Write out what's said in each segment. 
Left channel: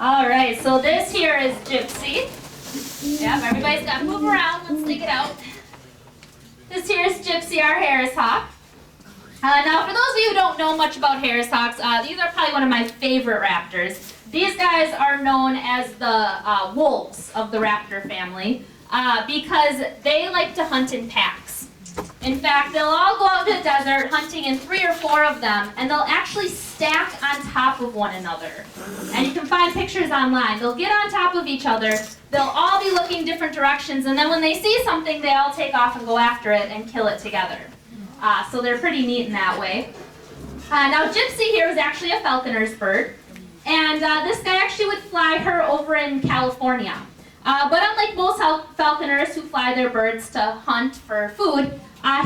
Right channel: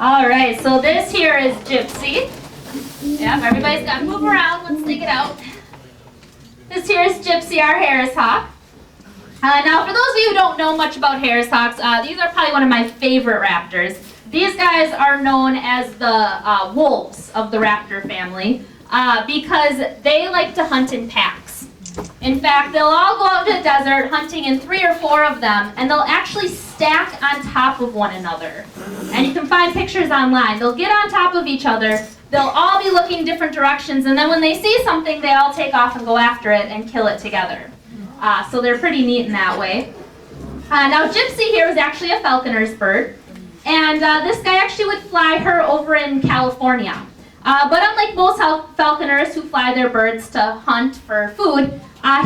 All right, so this here is Gypsy. Yep, everybody's got to move around. Let's take it out. This here is Gypsy, our Harris hawk. Now, for those of you who don't know much about Harris hawks, these are probably one of my favorite raptors. These guys are known as the wolves of the raptor family because they like to hunt in packs. In fact, they'll all go out to the desert hunting in 3 or 4 of them, and they'll actually stack on top of one another. And you can find pictures online. They'll get on top of each other. They'll all be looking different directions, and then when they see something, they all take off and go after it and kill it together. So they're pretty neat in that way. Now, Gypsy here is actually a falconer's bird, and this guy actually would fly her over in California. But unlike most falconers who fly their birds to hunt for food,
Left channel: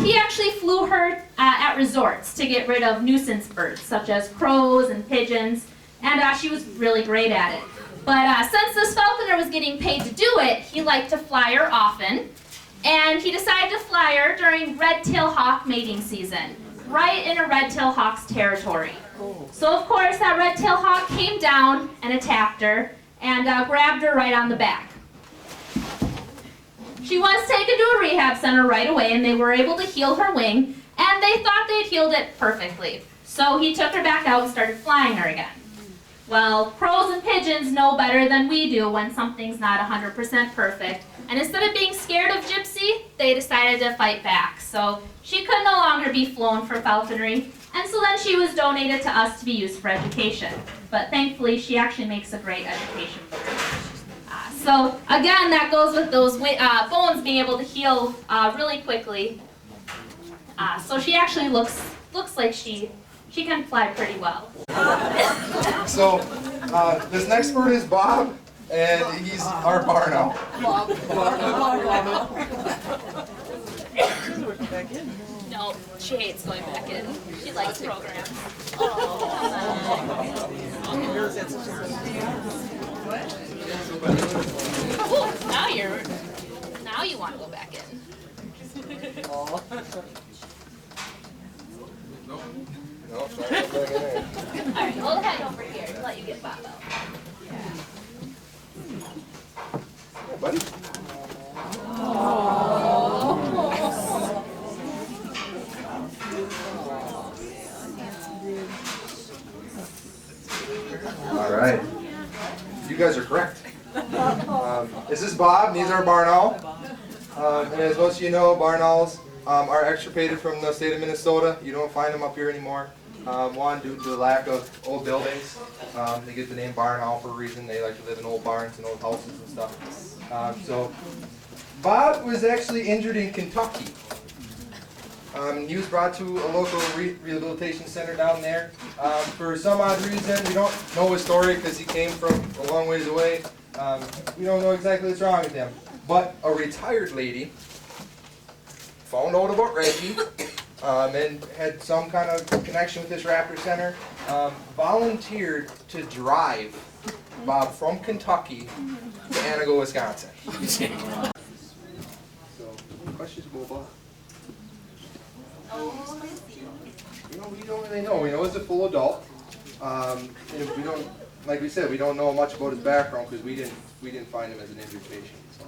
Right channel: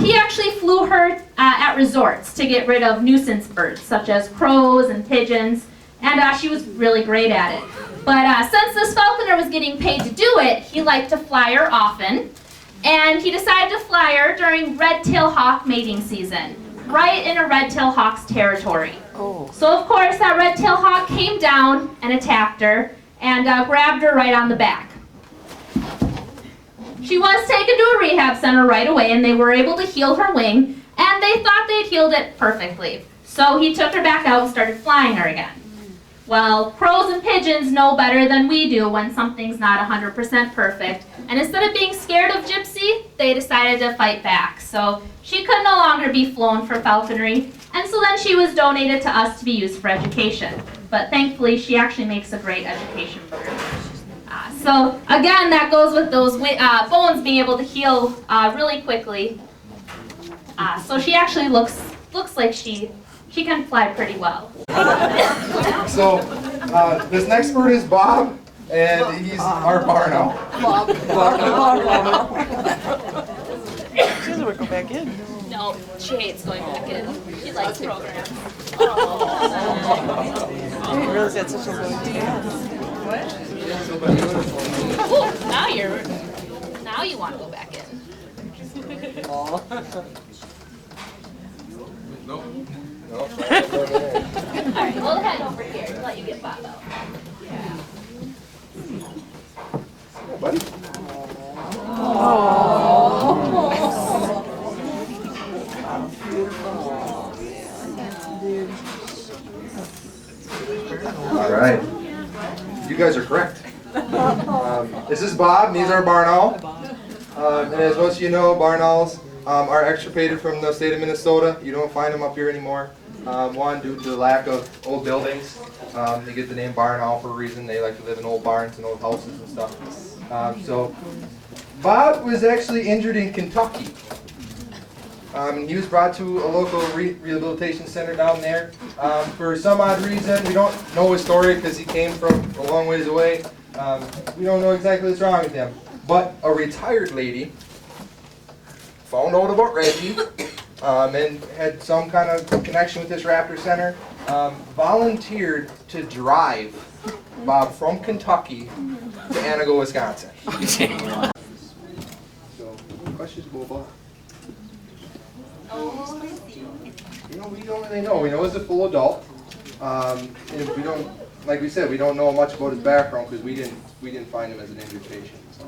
he actually flew her at resorts to get rid of nuisance birds, such as crows and pigeons, and she was really great at it. But since this falconer was getting paid to do it, he liked to fly her often, and he decided to fly her during red-tailed hawk mating season, right in a red-tailed hawk's territory. Oh. So of course that red-tailed hawk came down and attacked her and grabbed her right on the back. She was taken to a rehab center right away, and they were able to heal her wing, and they thought they'd healed it perfectly. So he took her back out and started flying her again. Well, crows and pigeons know better than we do when something's not 100% perfect, and instead of being scared of Gypsy, they decided to fight back. So she could no longer be flown for falconry, and so then she was donated to us to be used for education. But thankfully, she actually makes a great education bird. So again, that goes with those bones being able to heal really quickly. So she actually looks like she can fly pretty well. So this next bird is Bob, and he's our barn owl. She doesn't want to go back in. No, she hates going back in. She likes programs. I didn't realize that's such a long task. Ooh, now you want to go back in. Nope. Alright, we'll head over here and let you get Bob out. All right. You guys are correct. This is Bob, and he's our barn owl. And as most of you know, barn owls are extirpated from the state of Minnesota. You don't find them up here anymore. One, due to the lack of old buildings. They get the name barn owl for a reason. They like to live in old barns and old houses and stuff. So Bob was actually injured in Kentucky. He was brought to a local rehabilitation center down there. For some odd reason, we don't know his story because he came from a long ways away. We don't know exactly what's wrong with him. But a retired lady found out about REGI and had some kind of connection with this raptor center, volunteered to drive Bob from Kentucky to Antigo, Wisconsin. So, questions, Boba? We don't really know. We know he's a full adult. And we don't, like we said, we don't know much about his background because we didn't find him as an invitation. So.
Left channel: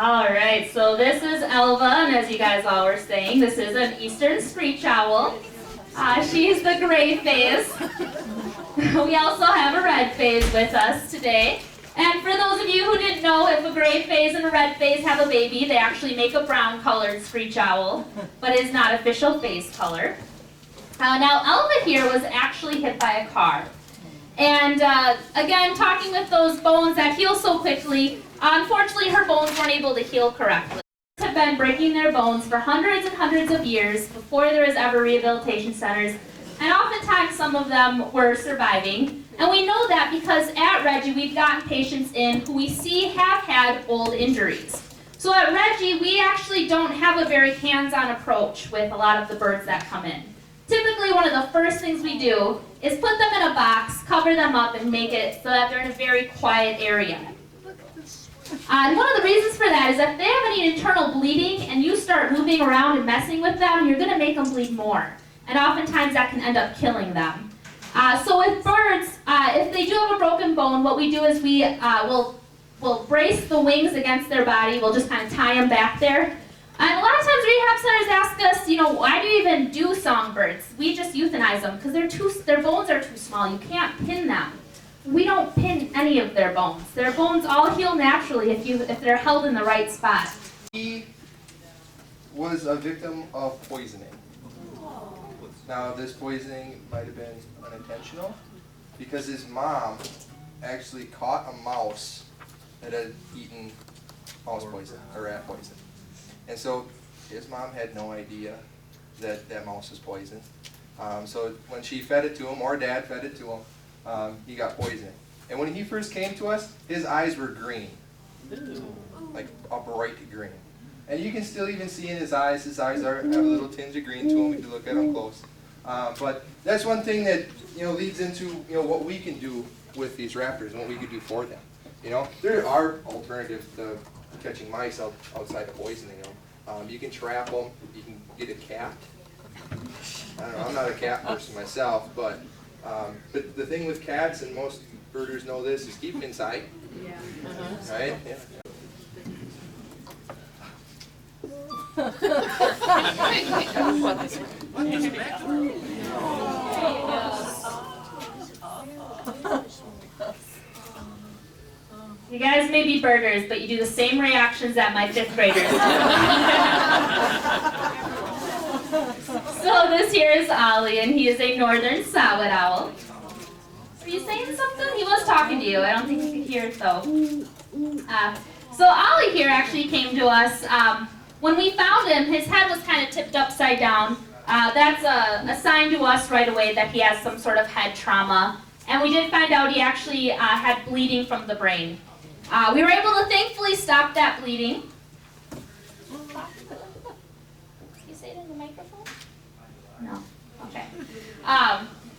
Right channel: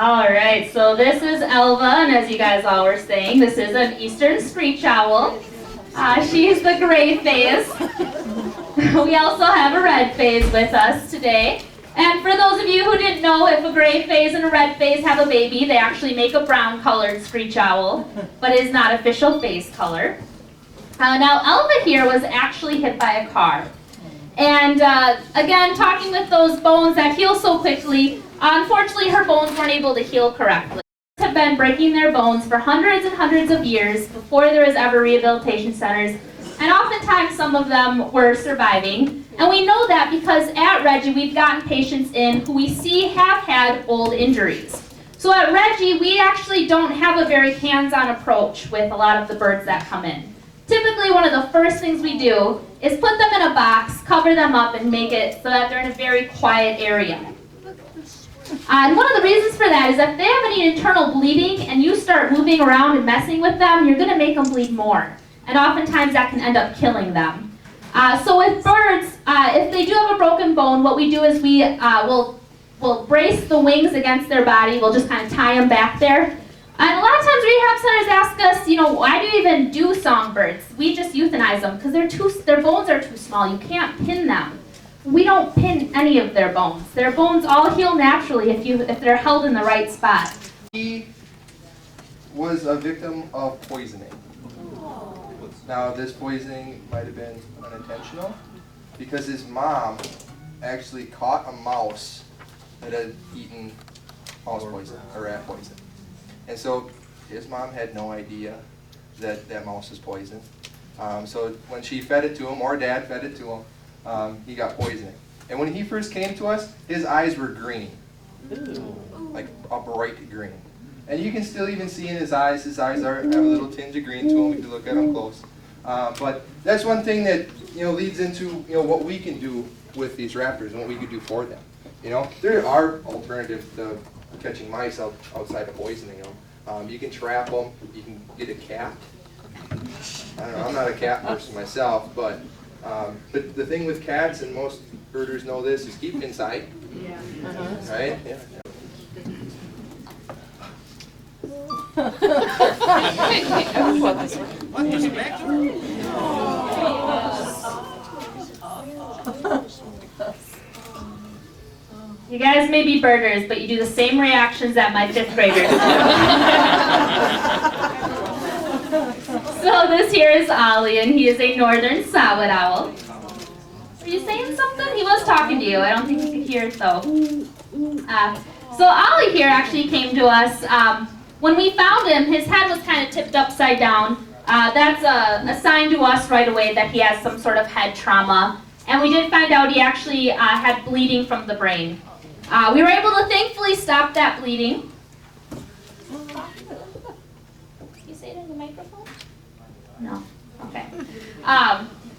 All right, so this is Elva, and as you guys all were saying, this is an eastern screech owl. She's the gray phase. We also have a red phase with us today. And for those of you who didn't know, if a gray phase and a red phase have a baby, they actually make a brown-colored screech owl, but it is not official phase color. Now, Elva here was actually hit by a car. And again, talking with those bones that heal so quickly, unfortunately her bones weren't able to heal correctly. Have been breaking their bones for hundreds and hundreds of years before there was ever rehabilitation centers, and oftentimes some of them were surviving. And we know that because at REGI we've gotten patients in who we see have had old injuries. So at REGI we actually don't have a very hands-on approach with a lot of the birds that come in. Typically one of the first things we do is put them in a box, cover them up, and make it so that they're in a very quiet area. And one of the reasons for that is if they have any internal bleeding and you start moving around and messing with them, you're going to make them bleed more. And oftentimes that can end up killing them. So with birds, if they do have a broken bone, what we do is we'll brace the wings against their body. We'll just kind of tie them back there. And a lot of times rehab centers ask us, why do you even do songbirds? We just euthanize them because their bones are too small. You can't pin them. We don't pin any of their bones. Their bones all heal naturally if they're held in the right spot. He was a victim of poisoning. Now, this poisoning might have been unintentional because his mom actually caught a mouse that had eaten mouse poison or rat poison. And so his mom had no idea that that mouse was poisoned. So when she fed it to him, or dad fed it to him, he got poisoning. And when he first came to us, his eyes were green, like a bright green. And you can still even see in his eyes have a little tinge of green to them if you look at them close. But that's one thing that leads into what we can do with these raptors and what we can do for them. There are alternatives to catching mice outside of poisoning them. You can trap them. You can get a cat. I don't know. I'm not a cat person myself, but the thing with cats, and most birders know this, is keep them inside. Yeah. Right? Yeah. You guys may be birders, but you do the same reactions that my 5th graders do. So this here is Ollie, and he is a northern saw-whet owl. Are you saying something? He was talking to you. I don't think you could hear it though. So Ollie here actually came to us. When we found him, his head was kind of tipped upside down. That's a sign to us right away that he has some sort of head trauma. And we did find out he actually had bleeding from the brain. We were able to thankfully stop that bleeding. Can you say it in the microphone? No. Okay.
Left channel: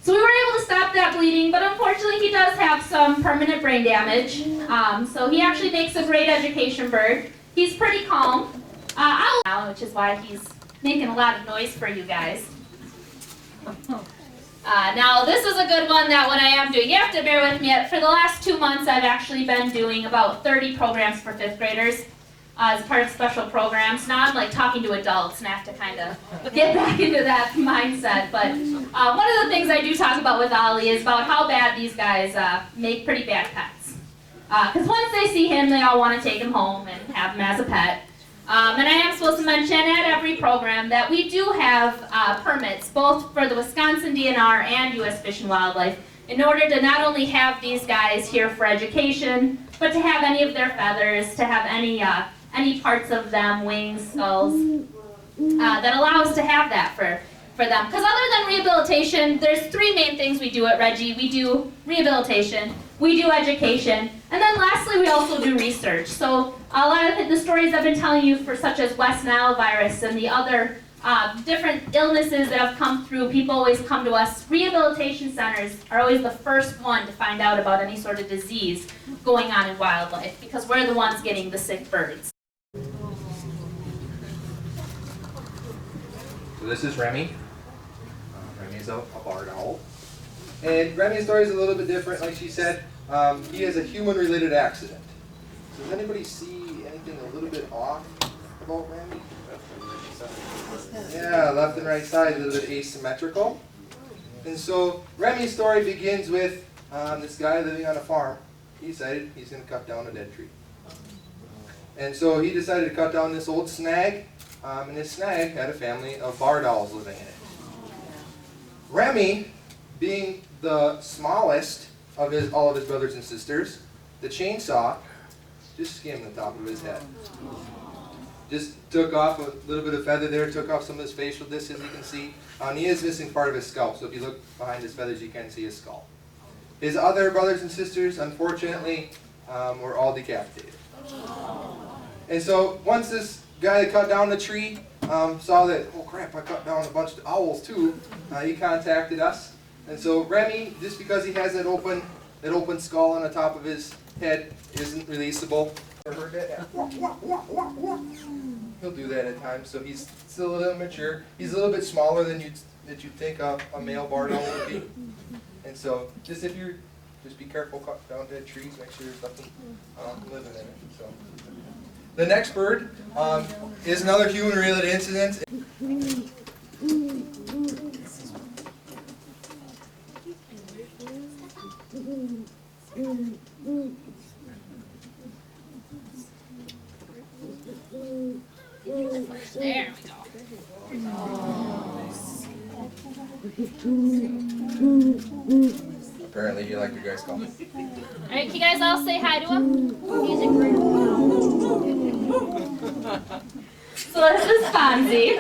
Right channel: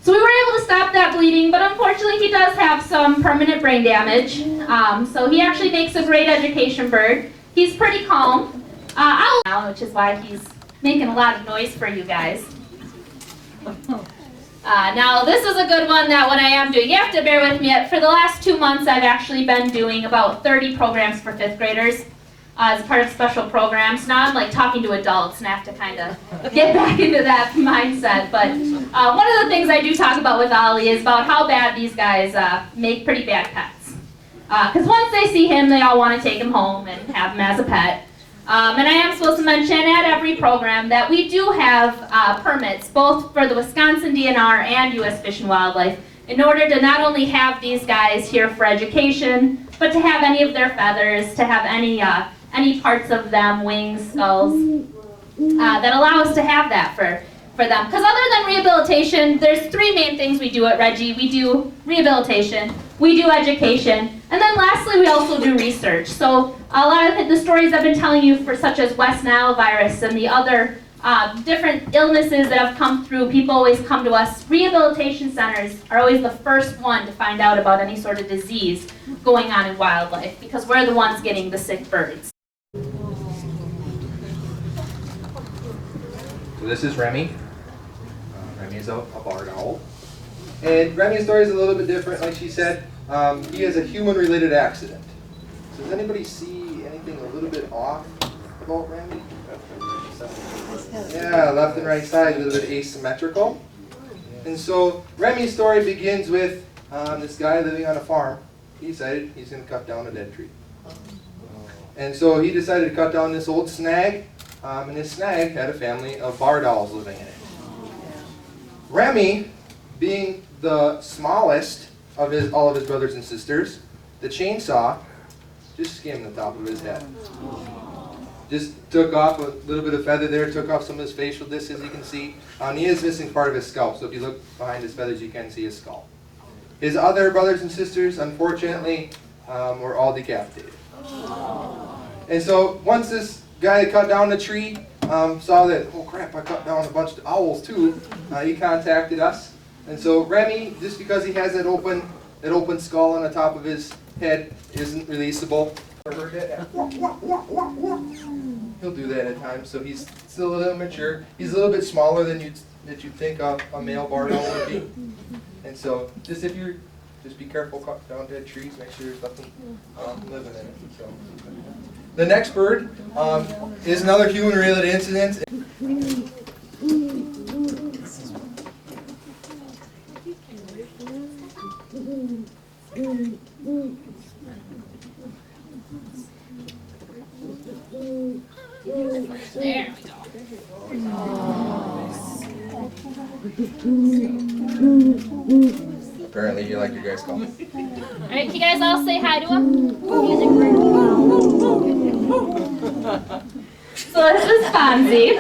So we were able to stop that bleeding, but unfortunately he does have some permanent brain damage. So he actually makes a great education bird. He's pretty calm. Which is why he's making a lot of noise for you guys. Now this is a good one that when I am doing, you have to bear with me. For the last 2 months I've actually been doing about 30 programs for 5th graders as part of special programs. Now I'm like talking to adults and I have to kind of get back into that mindset. But one of the things I do talk about with Ollie is about how bad these guys make pretty bad pets. Because once they see him, they all want to take him home and have him as a pet. And I am supposed to mention at every program that we do have permits, both for the Wisconsin DNR and U.S. Fish and Wildlife, in order to not only have these guys here for education, but to have any of their feathers, to have any parts of them, wings, skulls, that allow us to have that for them. Because other than rehabilitation, there's 3 main things we do at REGI. We do rehabilitation, we do education, and then lastly, we also do research. So a lot of the stories I've been telling you such as West Nile virus and the other different illnesses that have come through, people always come to us. Rehabilitation centers are always the first one to find out about any sort of disease going on in wildlife because we're the ones getting the sick birds. So this is Remy. Remy is a barred owl. And Remy's story is a little bit different, like she said. He has a human-related accident. So does anybody see anything a little bit off about Remy? Yeah, left and right side, a little bit asymmetrical. And so Remy's story begins with this guy living on a farm. He decided he's going to cut down a dead tree. And so he decided to cut down this old snag, and this snag had a family of barred owls living in it. Remy, being the smallest of all of his brothers and sisters, the chainsaw just skimmed the top of his head. Just took off a little bit of feather there, took off some of his facial discs, as you can see. He is missing part of his scalp, so if you look behind his feathers, you can see his skull. His other brothers and sisters, unfortunately, were all decapitated. And so once this guy that cut down the tree saw that, oh crap, I cut down a bunch of owls too, he contacted us. And so Remy, just because he has that open skull on the top of his head, isn't releasable. heard that? He'll do that at times, so he's still a little immature. He's a little bit smaller than you'd think a male barn owl would be. And so just be careful cutting down dead trees, make sure there's nothing living in it. So the next bird is another human-related incident. Apparently you like your guys' call. Alright, can you guys all say hi to him? So this is Fonzie.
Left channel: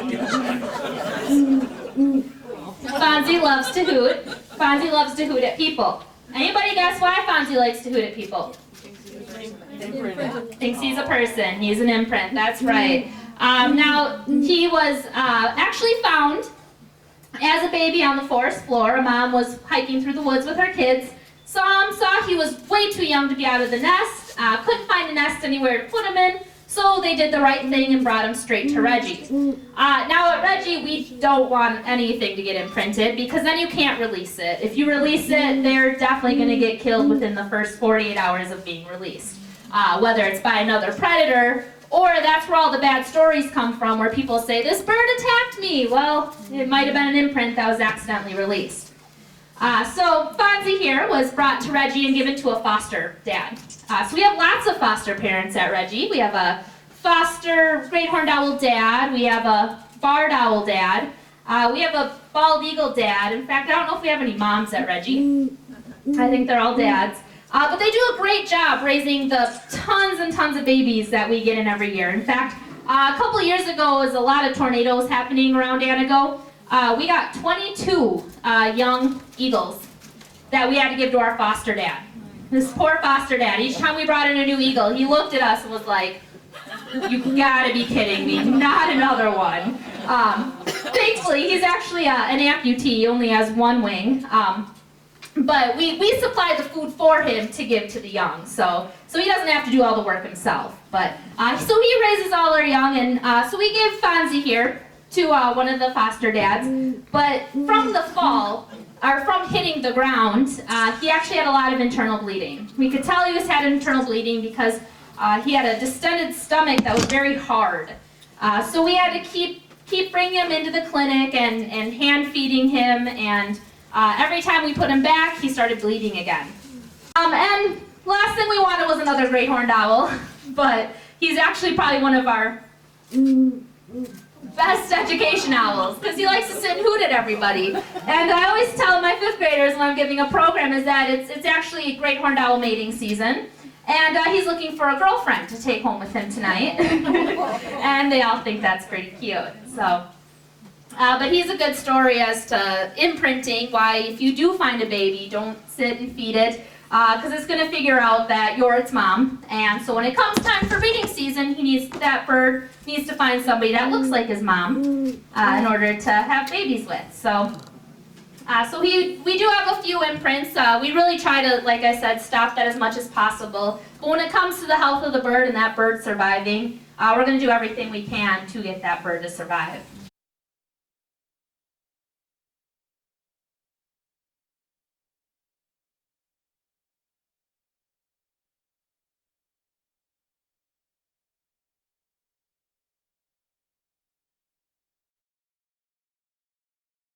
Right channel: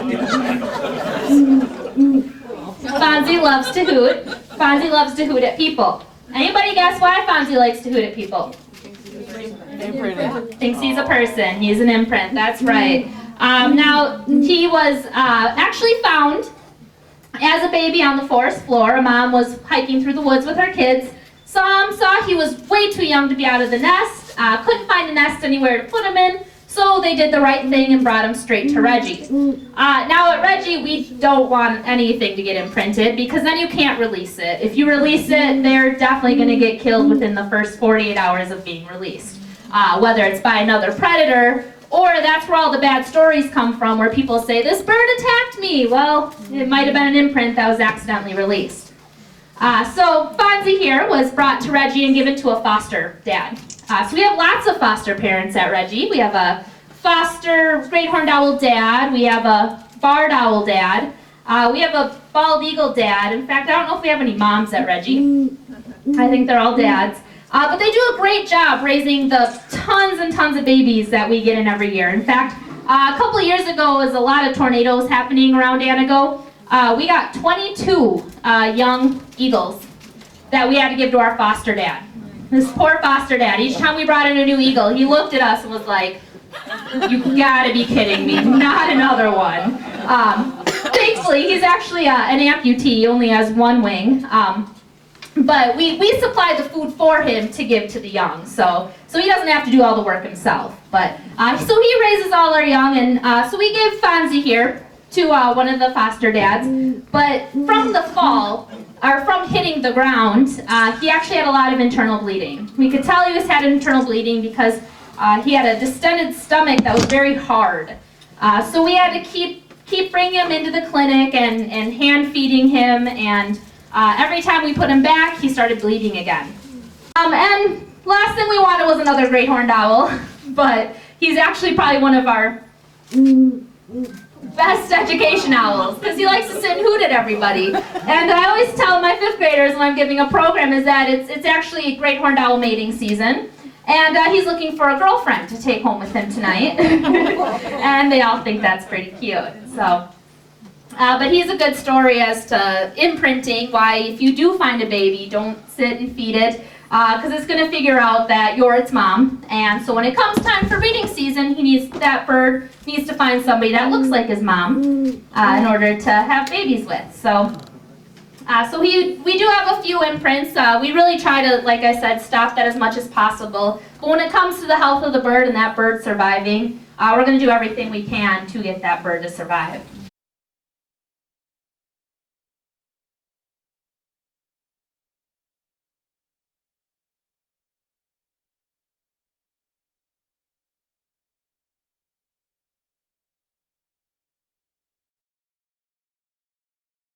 Fonzie loves to hoot. Fonzie loves to hoot at people. Anybody guess why Fonzie likes to hoot at people? Thinks he's a person. He's an imprint. That's right. Now, he was actually found as a baby on the forest floor. A mom was hiking through the woods with her kids. Saw he was way too young to be out of the nest. Couldn't find a nest anywhere to put him in. So they did the right thing and brought him straight to REGI. Now at REGI, we don't want anything to get imprinted because then you can't release it. If you release it, they're definitely going to get killed within the first 48 hours of being released. Whether it's by another predator, or that's where all the bad stories come from, where people say, this bird attacked me. Well, it might have been an imprint that was accidentally released. So Fonzie here was brought to REGI and given to a foster dad. So we have lots of foster parents at REGI. We have a foster great horned owl dad. We have a barred owl dad. We have a bald eagle dad. In fact, I don't know if we have any moms at REGI. I think they're all dads. But they do a great job raising the tons and tons of babies that we get in every year. In fact, a couple of years ago, was a lot of tornadoes happening around Antigo. We got 22 young eagles that we had to give to our foster dad. This poor foster dad, each time we brought in a new eagle, he looked at us and was like, you gotta be kidding me, not another one. Thankfully, he's actually an amputee, he only has one wing. But we supplied the food for him to give to the young, so he doesn't have to do all the work himself. But so he raises all our young, and so we gave Fonzie here to one of the foster dads. But from the fall, or from hitting the ground, he actually had a lot of internal bleeding. We could tell he had internal bleeding because he had a distended stomach that was very hard. So we had to keep bringing him into the clinic and hand feeding him, and every time we put him back, he started bleeding again. And last thing we wanted was another great horned owl, but he's actually probably one of our best education owls, because he likes to sit and hoot at everybody. And I always tell my 5th graders when I'm giving a program is that it's actually great horned owl mating season, and he's looking for a girlfriend to take home with him tonight. And they all think that's pretty cute. So. But he's a good story as to imprinting, why if you do find a baby, don't sit and feed it, because it's going to figure out that you're its mom. And so when it comes time for breeding season, that bird needs to find somebody that looks like his mom in order to have babies with. So we do have a few imprints. We really try to, like I said, stop that as much as possible. But when it comes to the health of the bird and that bird surviving, we're going to do everything we can to get that bird to survive.